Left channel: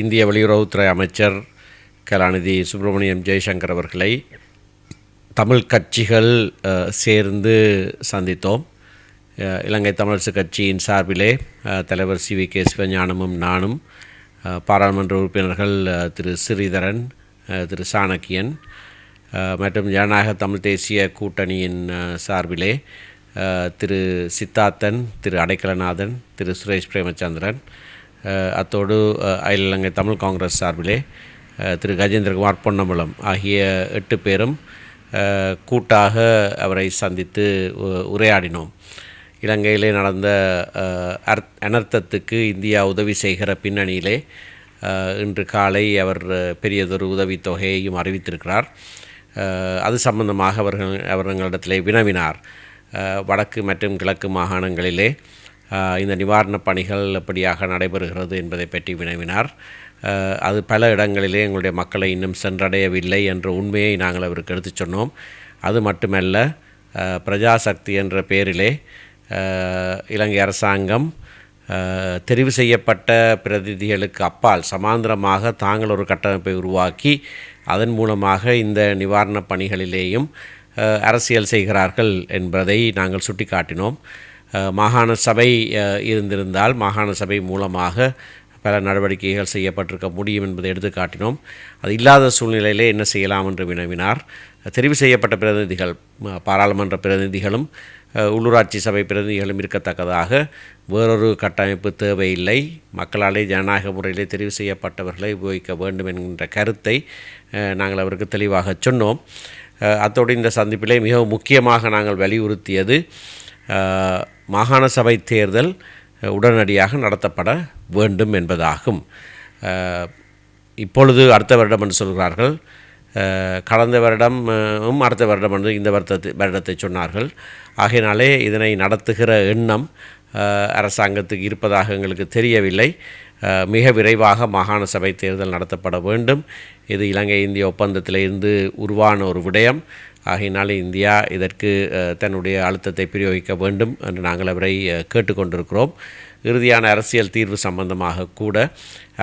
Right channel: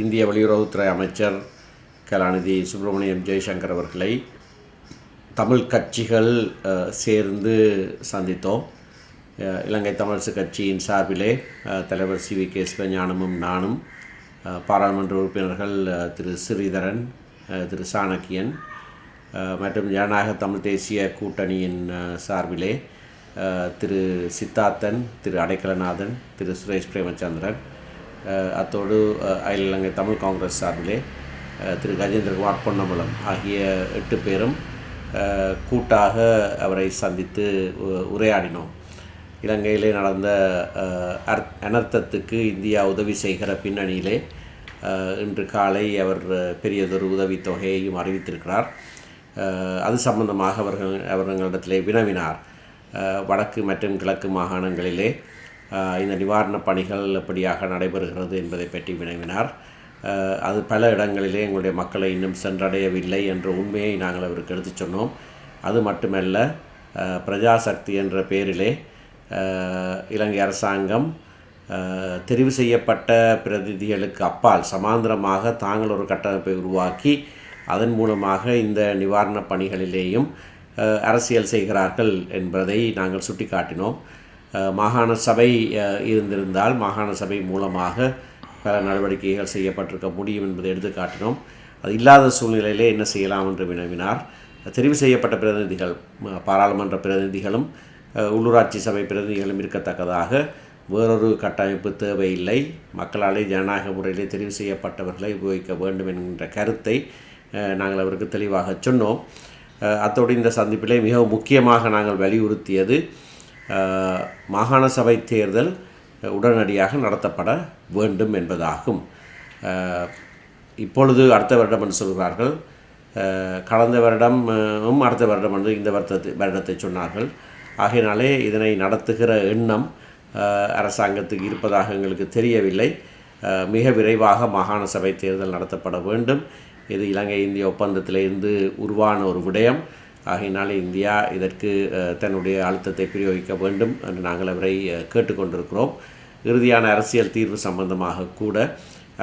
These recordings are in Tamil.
இந்திய வெளியுறவுத்துறை அமைச்சர் கலாநிதி சுப்பிரமணியம் ஜெய்சங்கர் அவர்களை தமிழ் கட்சிகள் சேர்ந்து சந்தித்தோம். இலங்கை தமிழரசு கட்சியின் சார்பிலே தலைவர் சி.வி.கே. சிவஞானமும் நானும், பாராளுமன்ற உறுப்பினர்கள் திரு ஸ்ரீதரன், திரு சாணக்கியன் மற்றும் ஜனநாயக தமிழ் தேசிய கூட்டணியின் சார்பிலே திரு சித்தார்த்தன், திரு அடைக்கலநாதன், திரு சுரேஷ் பிரேமச்சந்திரன், அத்தோடு அகில இலங்கை தமிழ் காங்கிரஸ் சார்பிலே திரு கஜேந்திரகுமார் பொன்னம்பலம் ஆகிய 8 பேரும் கூட்டாக அவரை சந்தித்து உரையாடினோம். இலங்கையிலே நடந்த அனர்த்தத்துக்கு இந்தியா உதவி செய்கிற பின்னணியிலே இன்று காலை அவர் பெரியதொரு உதவித்தொகையையும் அறிவித்திருக்கிறார். அது சம்பந்தமாக அவர்களிடத்திலே வினவினார். வடக்கு மற்றும் கிழக்கு மாகாணங்களிலே இந்த நிவாரணப் பணிகள் எப்படியாக நடைபெறுகிறது என்பதை பற்றி வினவினார். அது பல இடங்களிலே எங்களுடைய மக்களை இன்னும் சென்றடையவில்லை என்ற உண்மையை நாங்கள் அவருக்கு எடுத்துச் சொன்னோம். அது மட்டுமல்ல, பிரஜாசக்தி என்ற பெயரிலே இலங்கை அரசாங்கம் தெரிவு செய்யப்பட்ட பிரதிநிதிகளுக்கு அப்பால் சமாந்தரமாக தாங்கள் ஒரு கட்டமைப்பை உருவாக்கி அதன் மூலமாக இந்த நிவாரணப் பணிகளிலேயும் அரசியல் செய்கிறார்கள் என்பதை நாங்கள் சுட்டிக்காட்டினோம். மாகாண சபை இருந்திருந்தால் மாகாண சபை மூலமாக பல நடவடிக்கைகள் செய்யப்பட்டிருக்க முடியும் என்பதை எடுத்து காட்டினோம். அது இல்லாத சூழ்நிலையிலே என்ன செய்யலாம் என்று வினவினார். தெரிவு செய்யப்பட்ட பிரதிநிதிகள், பாராளுமன்ற பிரதிநிதிகளும் உள்ளூராட்சி சபை பிரதிநிதிகளும் இருக்கத்தக்கதாக வேறொரு கட்டமைப்பு தேவையில்லை, மக்களாலே ஜனநாயக முறையிலே தெரிவு செய்யப்பட்டவர்களை உபயோகிக்க வேண்டும் என்கின்ற கருத்தை நாங்கள் அவருக்கு தெளிவாக சொன்னோம். அத்தோடு இந்த சந்திப்பிலே மிகவும் முக்கியமாக நாங்கள் வலியுறுத்தியது மாகாண சபை தேர்தல் உடனடியாக நடத்தப்பட வேண்டும் என்பதாகும். இப்பொழுது அடுத்த வருடம் என்று சொல்கிறார்கள். கடந்த வருடமும் அடுத்த வருடம் என்று இந்த வருடத்தை சொன்னார்கள். ஆகையினாலே இதனை நடத்துகிற எண்ணம் அரசாங்கத்துக்கு இருப்பதாக எங்களுக்கு தெரியவில்லை. மிக விரைவாக மாகாண சபை தேர்தல் நடத்தப்பட வேண்டும். இது இலங்கை இந்திய ஒப்பந்தத்திலிருந்து உருவான ஒரு விடயம். ஆகையினாலே இந்தியா இதற்கு தன்னுடைய அழுத்தத்தை பிரயோகிக்க வேண்டும் என்று நாங்கள் அவரை கேட்டுக்கொண்டிருக்கிறோம். இறுதியான அரசியல் தீர்வு சம்பந்தமாக கூட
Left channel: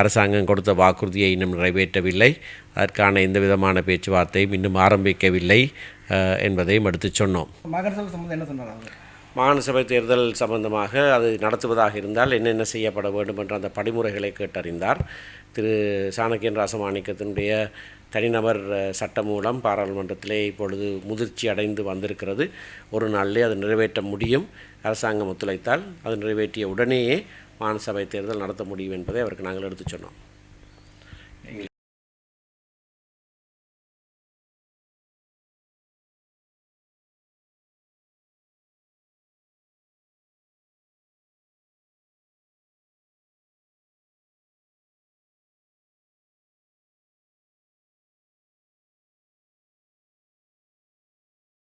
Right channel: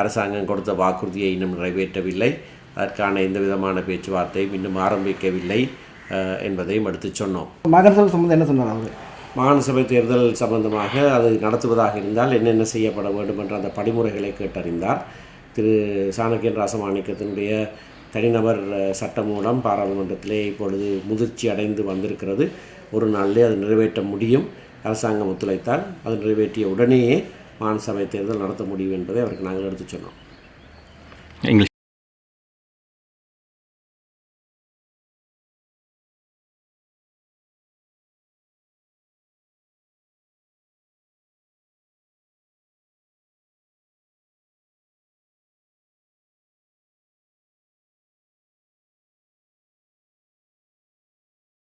அரசாங்கம் கொடுத்த வாக்குறுதியை இன்னும் நிறைவேற்றவில்லை. அதற்கான எந்த விதமான பேச்சுவார்த்தையும் இன்னும் ஆரம்பிக்கவில்லை என்பதையும் எடுத்து சொன்னோம். மாகாண சபை தேர்தல் சம்பந்தமாக அது நடத்துவதாக இருந்தால் என்னென்ன செய்யப்பட வேண்டும் என்ற அந்த படிமுறைகளை கேட்டறிந்தார். திரு சாணக்கியன் ராசமாணிக்கத்தினுடைய தனிநபர் சட்டம் மூலம் பாராளுமன்றத்திலே இப்பொழுது முதிர்ச்சி அடைந்து வந்திருக்கிறது. ஒரு நாளிலே அது நிறைவேற்ற முடியும். அரசாங்கம் ஒத்துழைத்தால் அது நிறைவேற்றிய உடனேயே மாகாண சபை தேர்தல் நடத்த முடியும் என்பதை அவருக்கு நாங்கள் எடுத்து சொன்னோம்.